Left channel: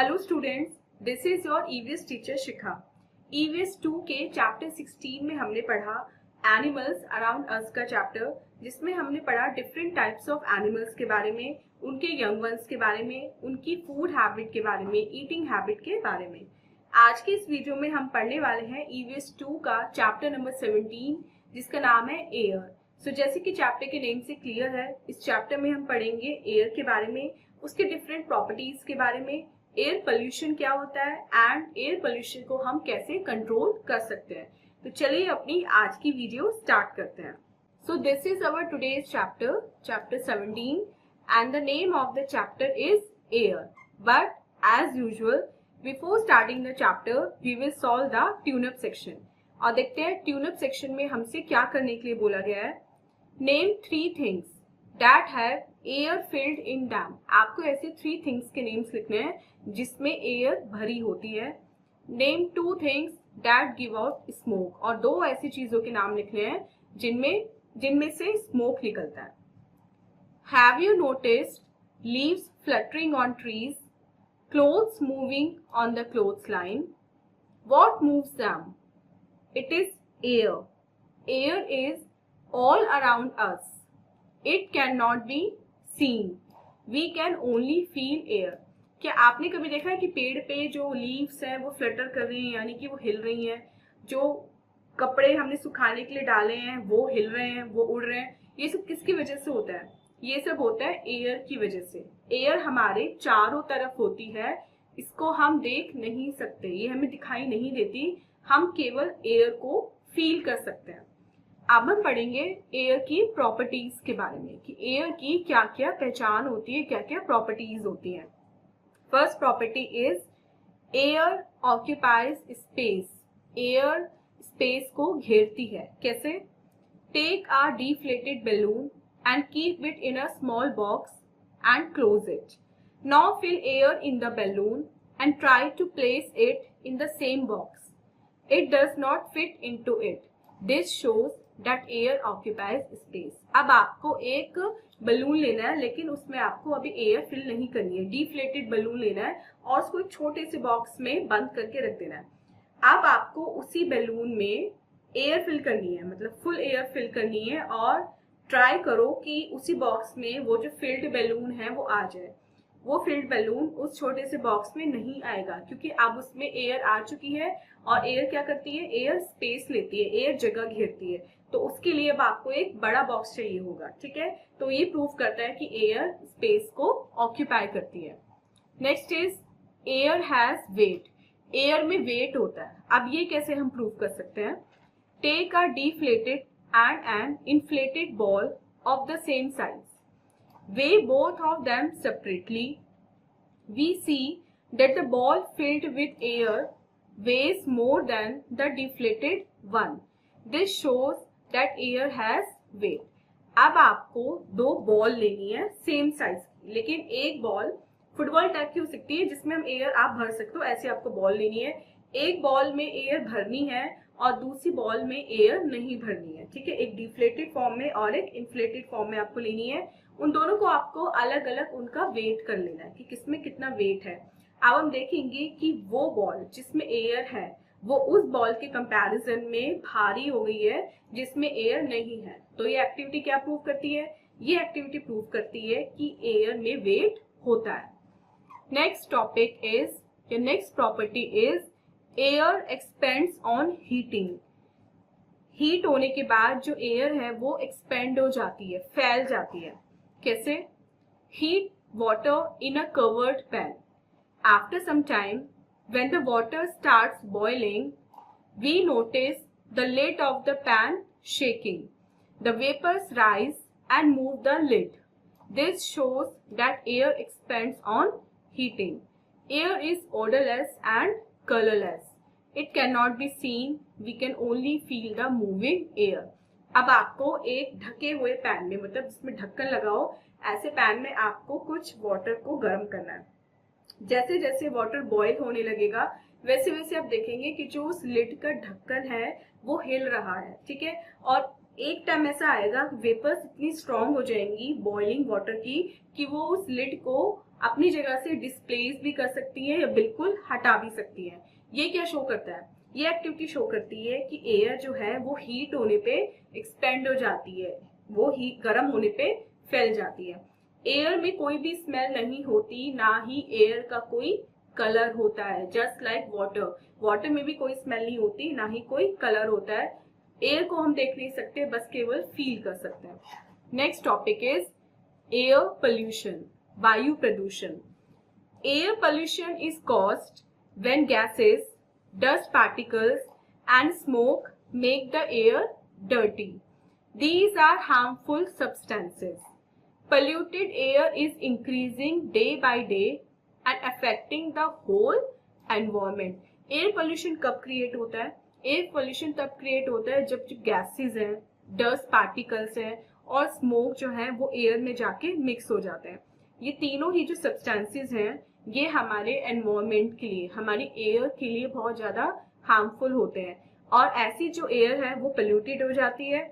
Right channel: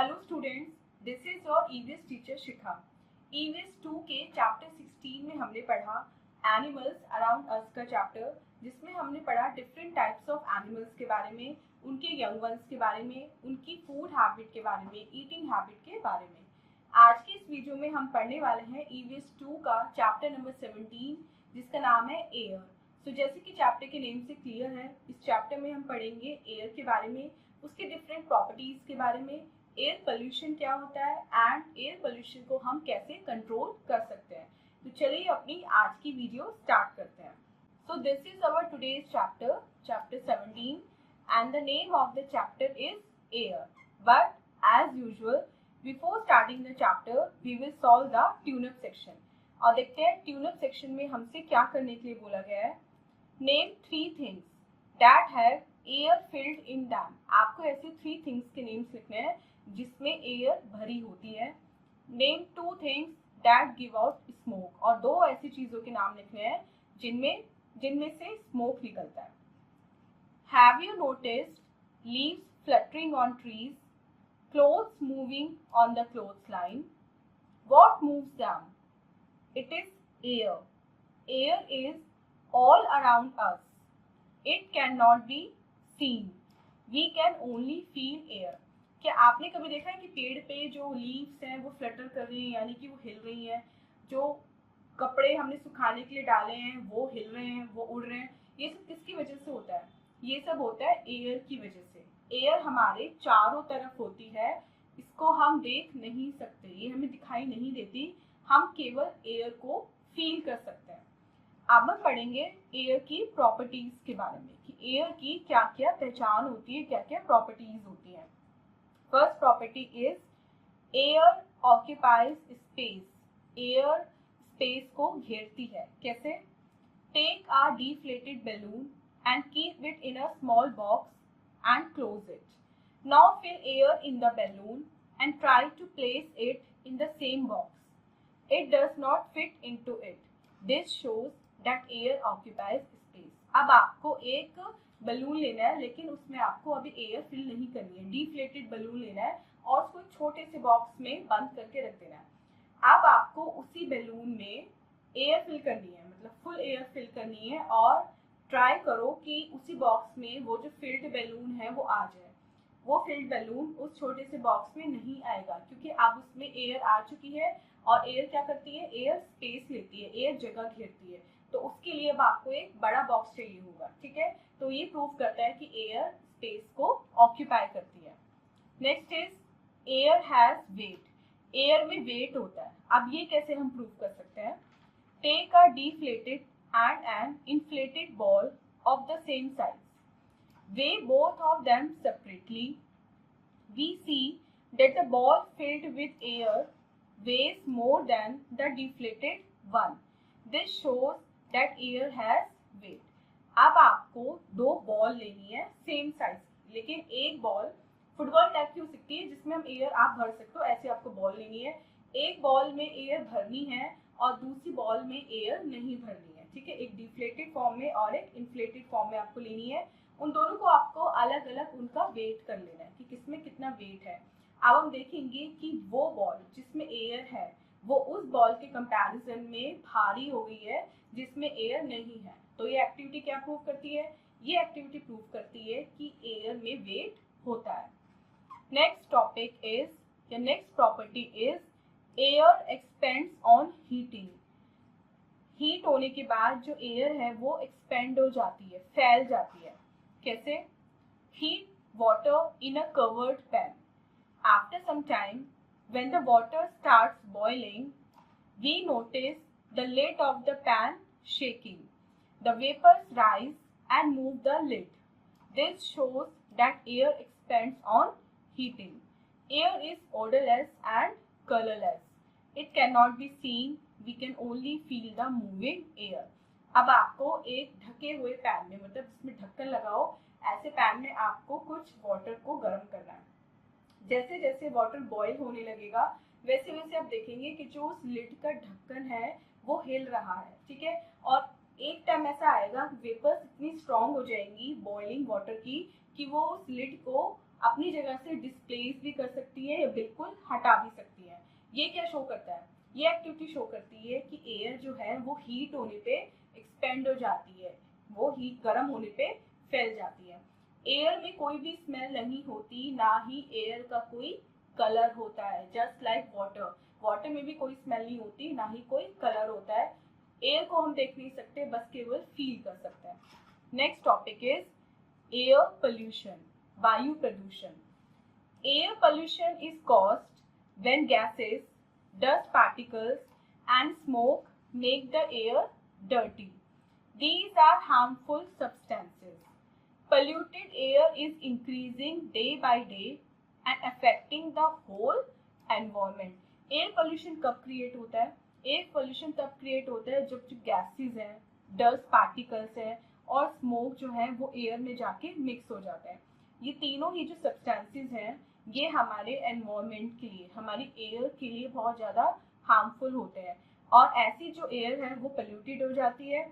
Hello students, this is your EVS teacher Shikha. EVS 2 के chapter 16 में हमने पढ़ा एनिमल्स अराउंड अस का चैप्टर, जिसमें हमने पढ़ा डिफरेंट टाइप्स ऑफ एनिमल्स के बारे में, उनके यंग वंस के बारे में, उनकी फूड हैबिट के बारे में, ईटिंग हैबिट के बारे में। आज के इस वीडियो में हम पढ़ने वाले हैं ईवीएस 2 का चैप्टर नंबर 17, जिसका नाम है एयर। सो जैसे कि चैप्टर के नेम से क्लियर है, इस चैप्टर में हम पढ़ेंगे एयर के बारे में, उसके डिफरेंट प्रॉपर्टीज के बारे में, एयर पोल्यूशन क्या होता है एंड एयर पोल्यूशन को हम कैसे कंट्रोल कर सकते हैं। तो चलिए अपनी आज की वीडियो स्टार्ट करते हैं। So this is our today's chapter, chapter 17, and the name of the chapter is air. But as usual before starting the chapter we will solve the tune up section. और देखते हैं ट्यूनअप सेक्शन में हमसे क्या करने के लिए बोला गया है। Name 3 things that have air filled in dam. आपको ऐसे 3 थिंग्स के नेम्स लिखने हैं जिसमें एयर भरी होती है। Name 2 things that give out smoke. और 2 ऐसी चीजों के नाम लिखने हैं जिनमें से स्मोक निकलता है। Have you noticed leaves fluttering on trees, clothes moving on the clothes line? What moves them? It is air. Air is all around us. It cannot be seen. We can only feel air. क्या आपने कभी देखा है कि पेड़ पे जो leaves हैं वो फ्लटर कर रही हैं, यानी कि वो हिल रही हैं? जो कपड़े हमने सुखाने के लिए डाले हैं वो हिल रहे हैं, वो उड़ रहे हैं। ये सब किसकी वजह से होता है? ये सब होता है एयर की वजह से। एयर हमारे चारों तरफ होती है, इसको हम देख नहीं सकते, ये हमें दिखाई नहीं देती, हम केवल एयर को फील कर सकते हैं। अब हम पढ़ेंगे एयर की प्रॉपर्टीज के बारे में कि एयर की क्या क्या पहचान होती है, क्या क्या प्रॉपर्टीज होती हैं। First property is air occupies space. Air space को घेरती है। कैसे? Take a deflated balloon and keep it in a small box and close it. Now fill air in the balloon and try to place it in the same box. It does not fit into it. This shows that air occupies space। अब आपको एक balloon लेना है, लेकिन उसमें आपको अभी air fill नहीं करनी है। डिफ्लेटेड बलून लेना है और उसको एक छोटे से बॉक्स में बंद करके रख देना है। अब आपको उसी बलून में एयर फिल करनी है, मतलब फुल एयर फिल करनी है, और ट्राई करो कि उसी बॉक्स में वो जो फिल्ड बलून है वो आ जाए। वो फिल्ड बैलून उस छोटे से बॉक्स में नहीं आएगा, क्योंकि अब उसमें एयर आ चुकी है। और एयर क्या करती है? एयर स्पेस लेती है, एयर जगह घेरती है। तो उसके लिए अब आपको एक बड़ा बॉक्स चाहिए होगा। ठीक है, तो ये प्रूव करता है कि एयर स्पेस को ऑक्यूपाई करती है। Next is air has weight. Air में वेट होता है। अब ये कैसे हम प्रूव कर सकते हैं? Take a deflated and an inflated ball of the same size, weigh both of them separately. We see that the ball filled with air weighs more than the deflated one. This shows that air has weight. अब आपको 2 ball लेनी है same size की, लेकिन एक ball football type की हो सकती है जिसमें हम एयर आप भर सकते हो। ऐसे आपको बॉल लेनी है। एक बॉल में एयर भरनी है और दूसरी बॉल में एयर नहीं भरनी है। ठीक है, एक डिफ्लेटेड फॉर्म में और एक इन्फ्लेटेड फॉर्म में आपको लेनी है। उन दोनों को आपको अलग अलग उनका वेट कर लेना है कि किसमें कितना वेट है। अब हम देखेंगे कि वो बॉल जिसमें एयर है वो उस बॉल के कंपैरिजन में भारी हो गई है जिसमें एयर नहीं है। तो ये एक्टिविटी क्या प्रूव करती है? ये एक्टिविटी प्रूव करती है कि एयर में वेट होता है। नेक्स्ट टॉपिक इज, या next property is air expends on heating. Heat होने के बाद जो एयर है वो एक्सपेंड हो जाती है, फैल जाती है। कैसे? Heat water in a covered pan. After some time, when the water starts boiling, we notice the lid of the pan shaking. The vapors rise and move the lid. This shows that air expands on heating. Air is odorless and colorless. It cannot be seen. We can only feel the moving air. अब आपको एक ढके हुए pan में, मतलब जिसमें ढक्कन लगा हो, ऐसे पैन में आपको कुछ वाटर को गर्म करना है। जैसे जैसे वाटर बॉईल होने लगेगा वैसे वैसे आप देखेंगे कि जो उस लिड का ढक्कन है वो हिल रहा है। ठीक है, और एक टाइम ऐसा आएगा वेपर्स इतनी स्ट्रांग हो जाएंगी बॉइलिंग वाटर की कि वो उस लिड को अपनी जगह से डिस्प्लेस भी कर सकती है या बिल्कुल हटा भी सकती है। ये क्या शो करता है? ये एक्टिविटी शो करती है कि एयर जो है वो हीट होने पे एक्सपेंड हो जाती है, वो हीट गर्म होने पे फैल जाती है। एयर में कोई भी स्मेल नहीं होती, ना ही एयर का कोई कलर होता है। जस्ट लाइक वाटर, वाटर में भी कोई स्मेल नहीं होती, ना ही कोई कलर होता है। एयर को हम देख नहीं सकते, बस केवल फील कर सकते हैं। Next topic is air pollution, वायु प्रदूषण। Air pollution is caused when gases, dust particles and smoke make the air dirty. These are harmful substances. Polluted air is increasing day by day and affecting the whole environment. Air pollution कब create होता है? Air pollution तब create होता है जब gases हैं, dust particles हैं और smoke जो है वो air में जाके mix हो जाते हैं। ये तीनों ही जो substances हैं ये हमारे एनवायरमेंट के लिए, हमारी एयर के लिए बहुत ज्यादा हार्मफुल होते हैं। और ऐसी जो एयर है वो पोल्यूटेड हो जाती है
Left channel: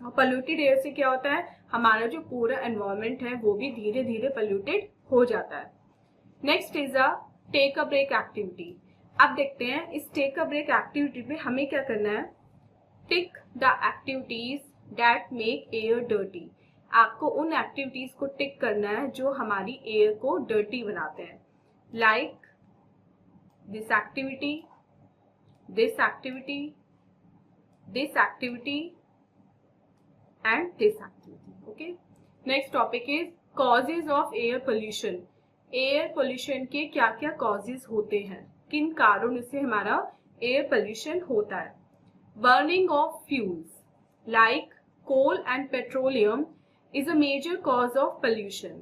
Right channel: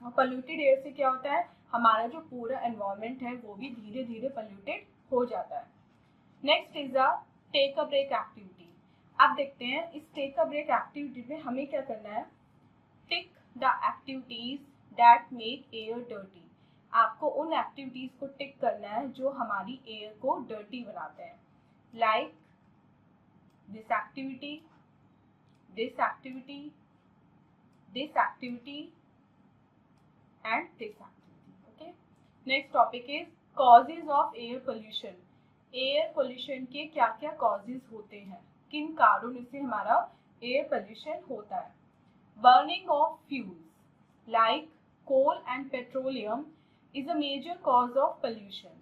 और पोल्यूटेड एयर से क्या होता है, हमारा जो पूरा एनवायरमेंट है वो भी धीरे धीरे पोल्यूटेड हो जाता है। Next is a take a break activity. अब देखते हैं इस टेक अ ब्रेक एक्टिविटी में हमें क्या करना है। Tick the activities that make air dirty. आपको उन एक्टिविटीज को टिक करना है जो हमारी एयर को डर्टी बनाते हैं। Like this activity, this activity, this activity and this activity. Okay, next topic is causes of air pollution. Air pollution के क्या क्या कॉजेज होते हैं, किन कारणों से हमारा एयर पोल्यूशन होता है। Burning of fuels like coal and petroleum is a major cause of pollution.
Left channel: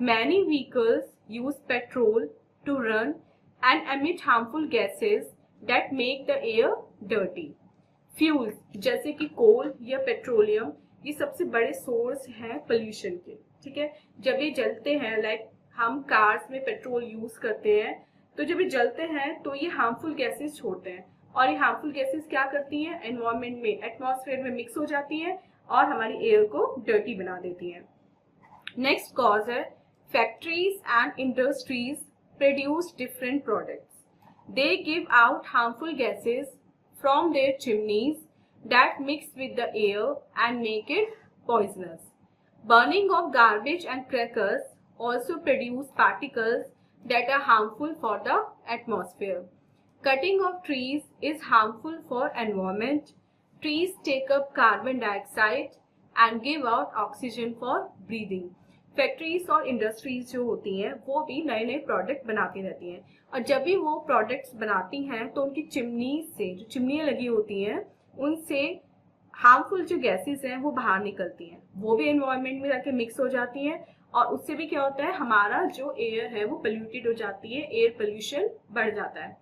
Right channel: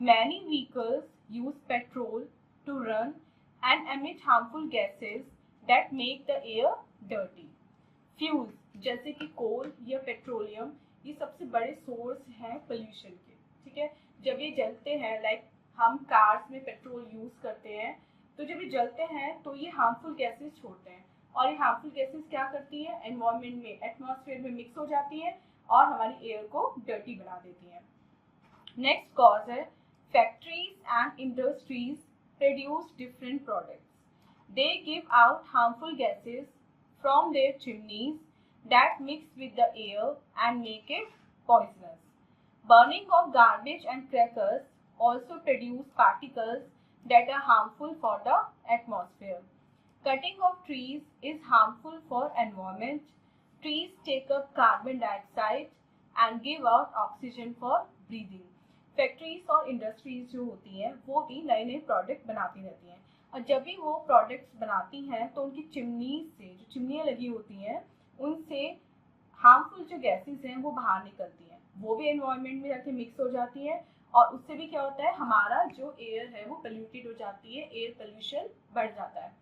Many vehicles use petrol to run and emit harmful gases that make the air dirty. Fuels जैसे कि कोल या petroleum ये सबसे बड़े source हैं pollution के। ठीक है, जब ये जलते हैं, लाइक हम कार्स में पेट्रोल यूज करते हैं, तो जब ये जलते हैं तो ये हार्मफुल गैसेस छोड़ते हैं और ये हार्मफुल गैसेस क्या करती हैं, एनवायरमेंट में, एटमॉस्फेयर में मिक्स हो जाती है और हमारी एयर को डर्टी बना देती है। नेक्स्ट कॉज है factories and industries produce different products. They give out harmful gases from their chimneys that mix with the air and make it poisonous. Burning of garbage and crackers also produce particles that are harmful for the atmosphere. Cutting of trees is harmful for environment. Trees take up carbon dioxide and give out oxygen for breathing. Factories और industries जो होती हैं वो भी नए नए product बनाती रहती हैं और जब भी वो प्रोडक्ट्स बनाती हैं तो उनकी चिमनी से, जो चिमनियाँ लगी होती हैं उनसे हार्मफुल जो गैसेस हैं वो बाहर निकलती हैं, वो भी एनवायरनमेंट में जाके मिक्स हो जाती हैं और उससे भी क्या होता है, हमारा जो एयर है वो पोल्यूटेड हो जाती है, एयर पोल्यूशन बढ़ जाता है।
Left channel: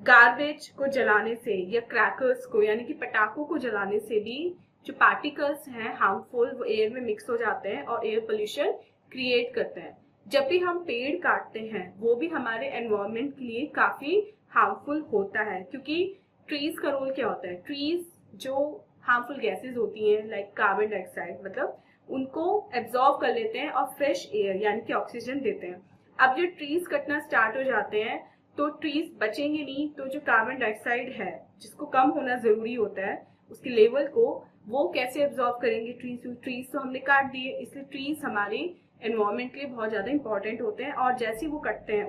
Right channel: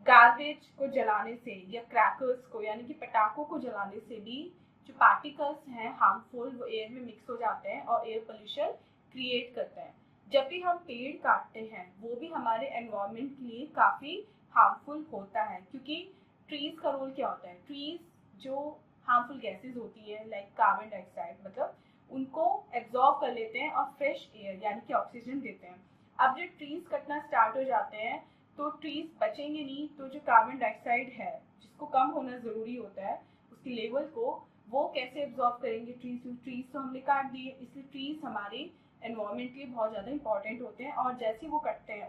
गार्बेज को जलाने से या क्रैकर्स को यानी कि पटाखों को जलाने से भी जो पार्टिकल्स हैं हार्मफुल वो एयर में मिक्स हो जाते हैं और एयर पोल्यूशन क्रिएट करते हैं। जब भी हम पेड़ काटते हैं वो भी हमारे एनवायरनमेंट के लिए काफी हार्मफुल होता है, क्योंकि ट्रीज का रोल क्या होता है, ट्रीज जो हार्मफुल गैसेस होती हैं लाइक कार्बन डाइऑक्साइड, मतलब उनको एब्जॉर्ब कर लेते हैं और फ्रेश एयर यानी कि ऑक्सीजन देते हैं। अब जो ट्रीज कटना स्टार्ट हो जाते हैं तो ट्रीज बचेंगे नहीं, तो जो कार्बन डाइऑक्साइड है जिसको कम होना जरूरी होता है उसके लेवल को वो कैसे एब्जॉर्ब करेंगे ट्रीज, ट्रीज तो हमने काट दिए, इसलिए ट्रीज हमारे एनवायरनमेंट के लिए बहुत ज्यादा इंपॉर्टेंट होते हैं और जैसे वो कटते हैं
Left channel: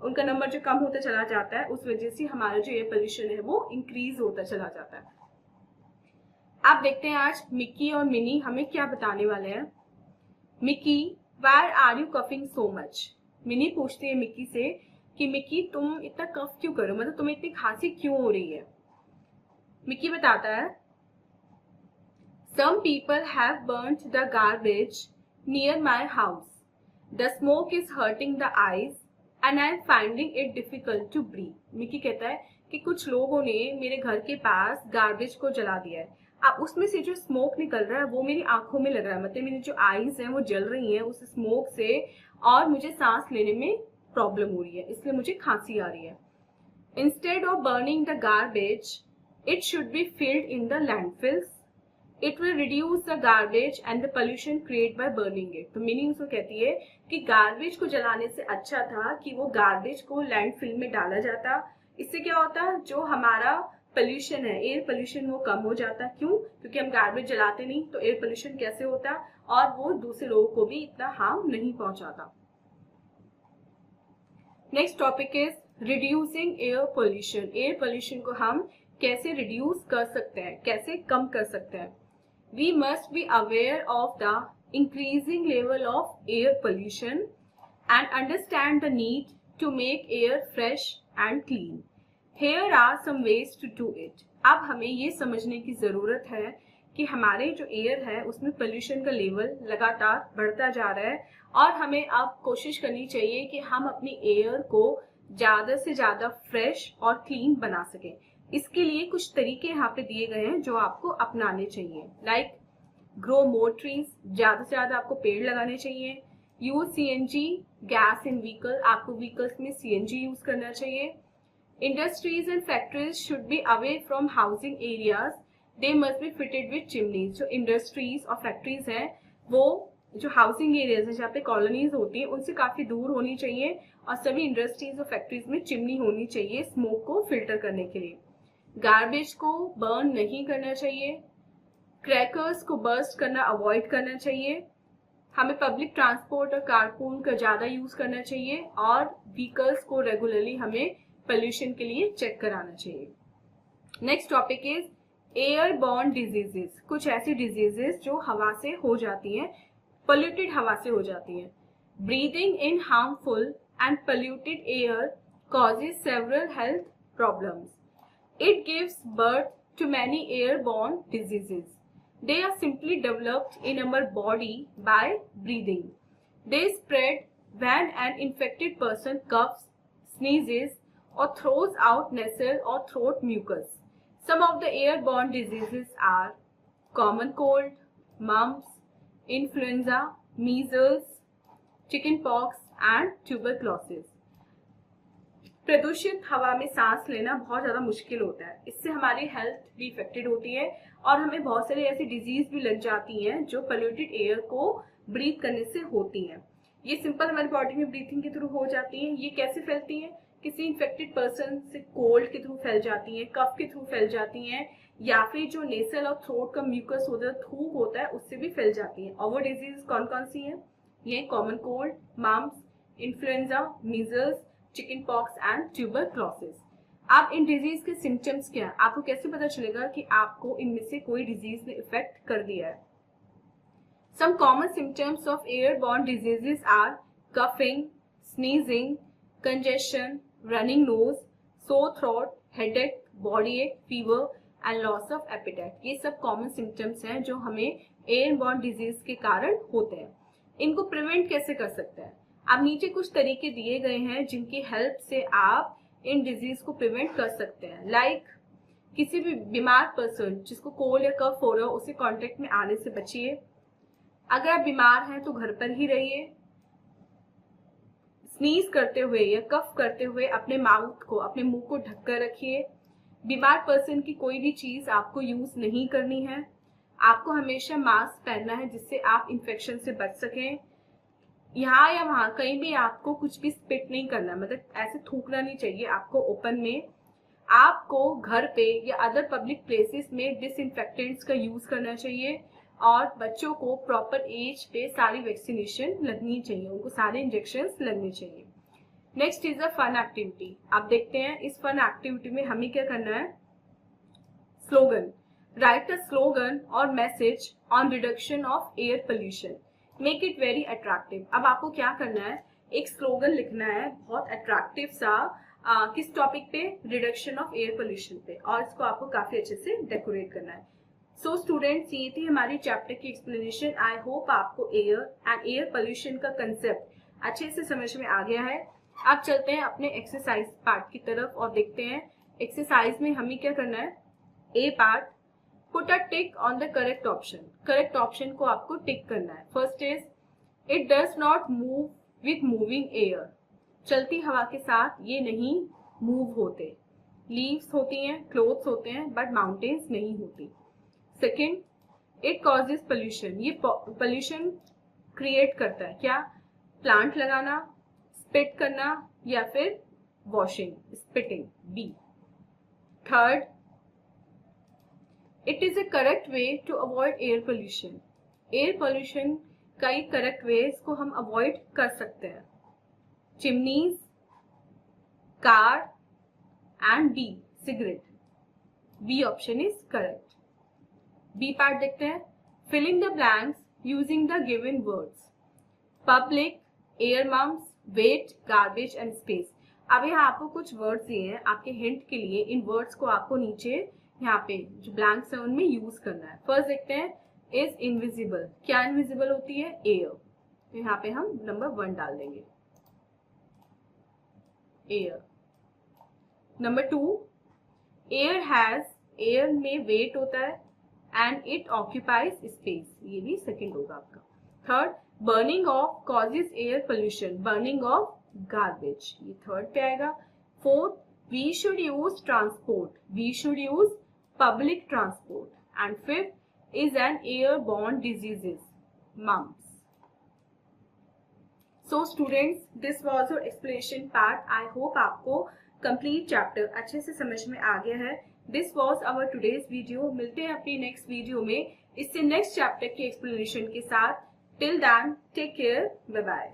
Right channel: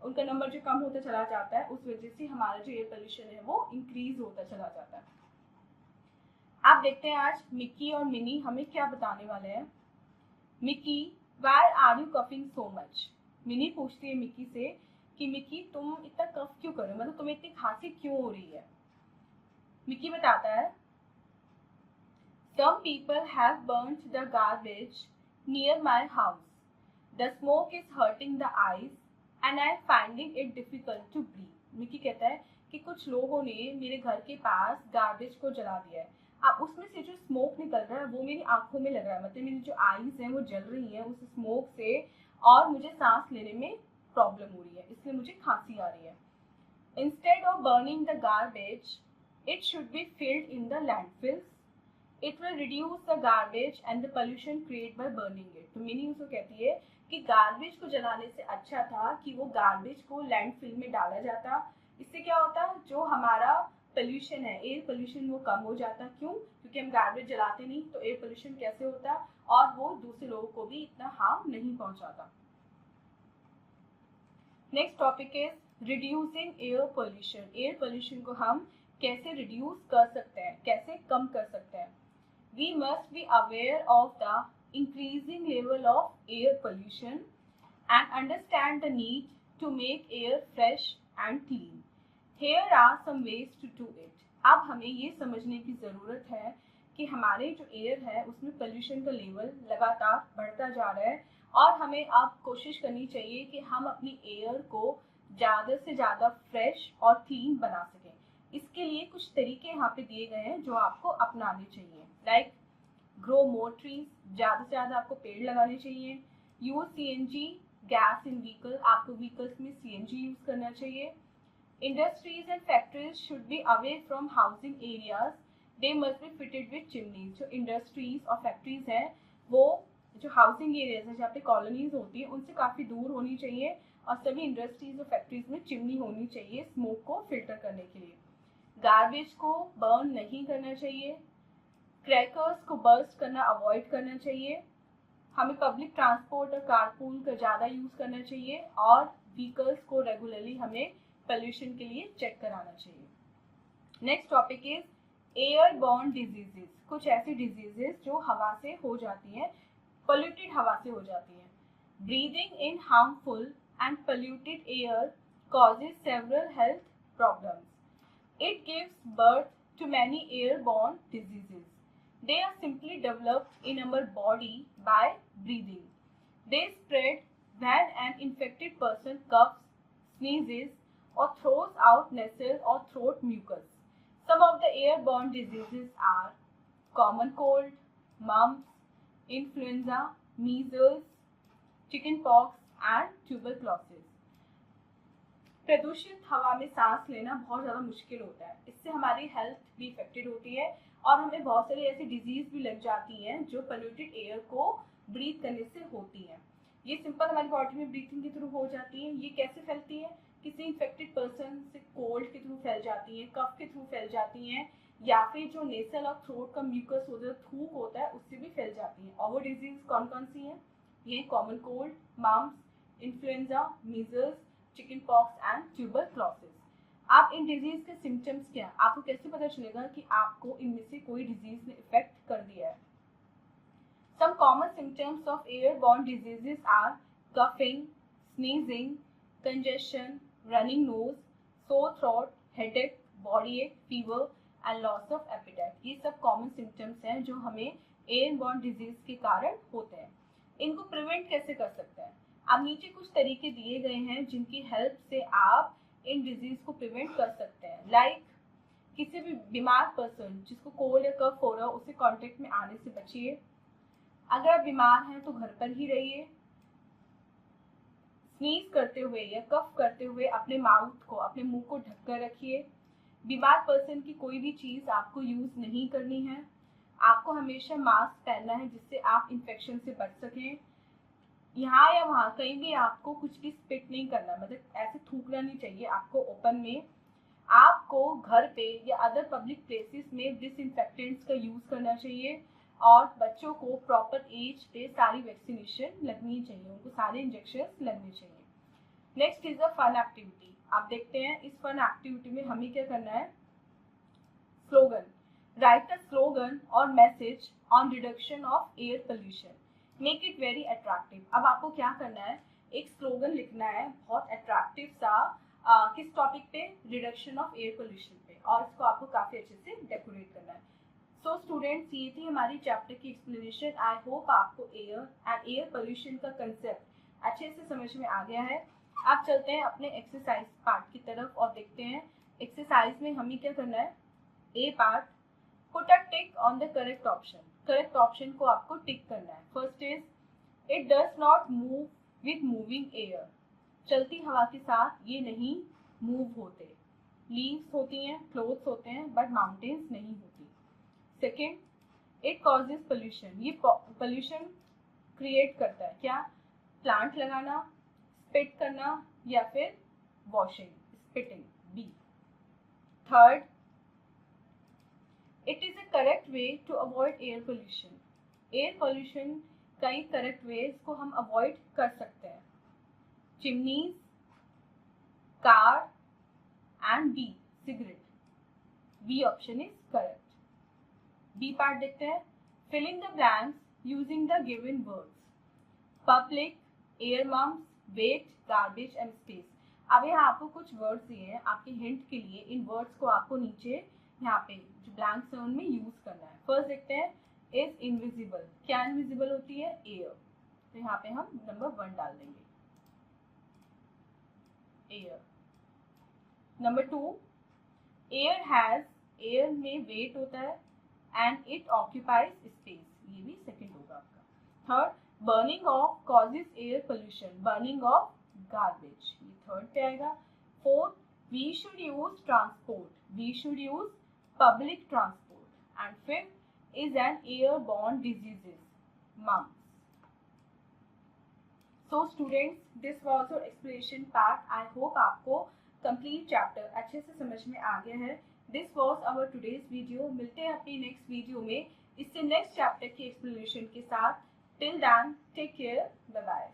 उनका नंबर जो कम होता चला जाता है, उस वजह से हमारा जो एयर पोल्यूशन है वो इंक्रीज होता चला जाता है। आप देखते हैं आज मिक्की और मिनी हमें क्या बताने वाले हैं। Mickey, why are you coughing so much. Minnie पूछती है मिक्की से कि मिक्की तुम इतना कफ क्यों करो, मतलब तुम्हें इतनी खांसी क्यों हो रही है। मिक्की बताता है, some people have burnt the garbage near my house. The smoke is hurting the eyes and I am finding it difficult to breathe. Mickey कहता है कि कुछ लोगों ने मेरे घर के पास गार्बेज को जला दिया है, अब उसमें से जो स्मोक निकल रहा है वो मेरी आंखों में लग रहा है, मतलब मेरी जो आईज हैं वो जल रही हैं उस स्मोक से और मुझे सांस लेने में प्रॉब्लम हो रही है, इसलिए मुझे खांसी आ रही है। Instead of burning the garbage, it should be filled in the landfills it will reduce the garbage and the pollution create by burning it. तो मीनिंग उसको कहती है कि गार्बेज को जलाने से अच्छा था कि वो गार्बेज को लैंडफिल में डाला जाता। इससे क्या होता, जो हमारा पोल्यूशन है, एयर पोल्यूशन, वो कम हो जाता। क्यों? क्योंकि हम गार्बेज जलाते नहीं, तो एयर पोल्यूशन कैसे होता और वो दूसरे लोगों को भी इतना हार्म नहीं पहुंचाता। Next topic is reducing air pollution. Air pollution को हम कैसे रिड्यूस कर सकते हैं, कैसे कम कर सकते हैं। We must be aware of the increasing level of air pollution and understand the need to make air fresh and clean. Here are some ways to do it. अब हमें ये समझने की ज़रूरत है कि हमारे जो एयर है उसमें पोल्यूशन का लेवल लगातार बढ़ता जा रहा है और हमें अब कोशिश करनी चाहिए कि हम अपनी एयर को ज़्यादा से ज़्यादा फ्रेश और क्लीन बना सकें। इसके लिए कुछ तरीके यहाँ पे दिए गए हैं जो आपको अपनाने चाहिए। लाइक ग्रो मोर ट्रीज, ज़्यादा से ज़्यादा आपको पेड़ लगाने चाहिए। Use CNG gas in vehicle, आपको व्हीकल्स में CNG यूज करना चाहिए। Industries and factories should be away from housing areas, they must be fitted with chimneys. जो इंडस्ट्रीज और फैक्ट्रीज हैं वो जो हाउसिंग एरियाज है जहाँ पे कॉलोनीज होती है उनसे काफी दूर होनी चाहिए और सभी इंडस्ट्रीज और फैक्ट्रीज में चिमनी होनी चाहिए स्मोक को फिल्टर करने के लिए। गार्बेज को बर्न नहीं करना चाहिए। क्रैकर्स को बर्स्ट करना अवॉइड करना चाहिए। हमें पब्लिक ट्रांसपोर्ट और कारपूल का ज़्यादा यूज़ करना चाहिए और व्हीकल्स को रेगुलरली हमें पोल्यूशन के लिए चेक कराना चाहिए। Next topic is airborne diseases. कुछ ऐसी डिजीजेस जो हवा से हो जाती हैं, पोल्यूटेड हवा से हो जाती हैं। Breathing in harmful and polluted air causes several health problems. It gives birth to many airborne diseases. They are simply developed in our body by breathing. They spread when an infected person coughs, sneezes, or throws out nasal or throat mucus. Some of the airborne diseases are common cold, mumps, influenza, measles, chickenpox, and tuberculosis. प्रदूषित हवा में सांस लेना बहुत ज़्यादा मुश्किल होता है, इससे हमारी हेल्थ भी इफेक्टेड होती है और हमें बहुत सारी ऐसी डिजीज भी लग जाती हैं जो पोल्यूटेड एयर को ब्रीथ करने से होती हैं। ये सिंपल हमारी बॉडी में ब्रीथिंग के थ्रू हो जाती हैं। ये कैसे फैलती हैं? किसी इन्फेक्टेड पर्सन से कोल्ड के थ्रू फैल जाती हैं, कफ के थ्रू फैल जाती हैं, या फिर जो नेसल और थ्रोट का म्यूकस होता है, थूक होता है, उससे भी फैल जाती हैं। और वो डिजीज कौन कौन सी हैं? ये common cold, mumps, influenza, measles, chicken pox and tuberculosis. आप इन डिजीज के सिम्टम्स क्या है, आपको कैसे पता चलेगा कि आपको इनमें से कोई डिजीज ने इफेक्ट कर दिया है? Some common symptoms of airborne diseases are coughing, sneezing, congestion, running nose, sore throat, headache, body ache, fever and loss of appetite. ये सब कॉमन सिम्टम्स हैं जो हमें एयरबॉर्न डिजीज के कारण होते हैं। इनको प्रिवेंट कैसे कर सकते हैं? अब नीचे कुछ तरीके दिए गए हैं जिनकी हेल्प से आप इन डिजीज को प्रिवेंट कर सकते हैं। लाइक किसी भी बीमार पर्सन जिसको कोल्ड या कफ हो रहा हो उससे कांटेक्ट में आने से बचिए। अगर आप बीमार हैं तो घर पर ही रहिए। स्नीज करते हुए या कफ करते हुए अपने माउथ को, अपने मुंह को ढककर रखिए। बीमार पर्सन की कोई भी चीज आपको यूज नहीं करनी है। आपको हमेशा मास्क पहनना है जिससे आप इन्फेक्शन से बच सकें। यहाँ या वहाँ कहीं भी आपको कुछ भी स्पिट नहीं करना, मतलब ऐसे थूकना नहीं चाहिए आपको ओपन में। आपको घर पे या अदर पब्लिक प्लेसेस में डिसइंफेक्टेंट्स का यूज करना चाहिए और बच्चों को प्रॉपर एज पे सारी वैक्सीनेशन लगनी चाहिए, उनको सारे इंजेक्शंस लगने चाहिए। Next is a fun activity. आप देखते हैं इस फन एक्टिविटी में हमें क्या करना है? स्लोगन। राइट अ स्लोगन और message on reduction of air pollution, make it very attractive. अब आपको क्या करना है? एक स्लोगन लिखना है बहुत अट्रैक्टिव सा, किस टॉपिक पे? रिडक्शन ऑफ एयर पोल्यूशन पे, और इसको आपको काफी अच्छे से डेकोरेट करना है। सो स्टूडेंट्स, ये थी हमारी चैप्टर की एक्सप्लेनेशन। आई होप आपको एयर एंड एयर पोल्यूशन का कंसेप्ट अच्छे से समझ में आ गया है। अब चलते हैं अपने एक्सरसाइज पार्ट की तरफ और देखते हैं एक्सरसाइज में हमें क्या करना है। A part, put a tick on the correct option. Correct option को आपको टिक करना है। First is it does not move with moving air. चलती हवा के साथ ये नहीं मूव होते। लीव्स होती हैं, क्लोथ्स होते हैं, बट माउंटेन्स नहीं होती। सेकेंड, इट कॉजेज पोल्यूशन, ये पोल्यूशन क्रिएट करता है क्या? प्लांट लगाना, स्पिट करना या फिर washing, spitting, B. Third, it is a correct way to avoid air pollution, air pollution का एक करेक्ट वे, इसको हम अवॉइड कर सकते हैं। Chimneys, car and B cigarette, B option is correct. B part देखते हैं। Filling the blanks using the given words, public, air mumps, weight, garbage and space. अब यहाँ आपको कुछ वर्ड्स दिए हैं आपके हिंट के लिए, इन वर्ड्स को आपको नीचे यहाँ पे जो ब्लैंक्स है उनमें यूज करना है। फर्स्ट देखते हैं, इज इनविजिबल, क्या इनविजिबल होती है? एयर, तो यहाँ पे हम नंबर 1 डाल देंगे, air. Number 2, air has, air में वेट होता है एंड इट ऑक्यूपाइज स्पेस, ये भी सेकंड होगा आपका। Third, burning of causes air pollution, burning of garbage, ये थर्ड पे आएगा। Fourth, we should use transport, we should use public transport. And fifth is an airborne diseases, mumps. So students, this was your explanation part. I hope आपको complete chapter अच्छे से समझ में आ गया है। This was our today's video. मिलते हैं अपनी next video में इससे next chapter की explanation के साथ। Till then, take care. Bye bye.